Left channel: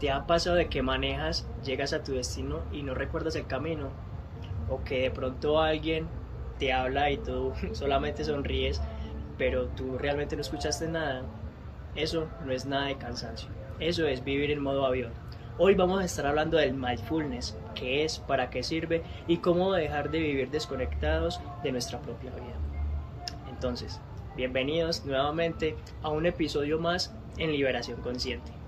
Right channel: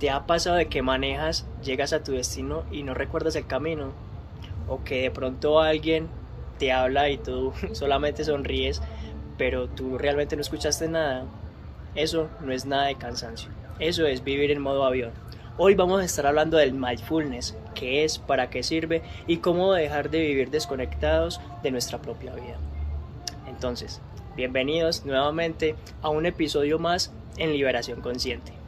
¿Te ha pasado de que manejas, llegas a tu destino y no recuerdas el camino? ¿O que de pronto alguien te habla y tú solamente sonríes, pero tú realmente no escuchaste nada? Eso no es nada de cansancio. Eso es vivir en modo avión. Hoy vamos a estar hablando del mindfulness, qué es, para qué sirve y cómo dejar de vivir desconectados de nuestra propia vida. Entonces, bienvenidos nuevamente a un episodio más en Liberación Consciente.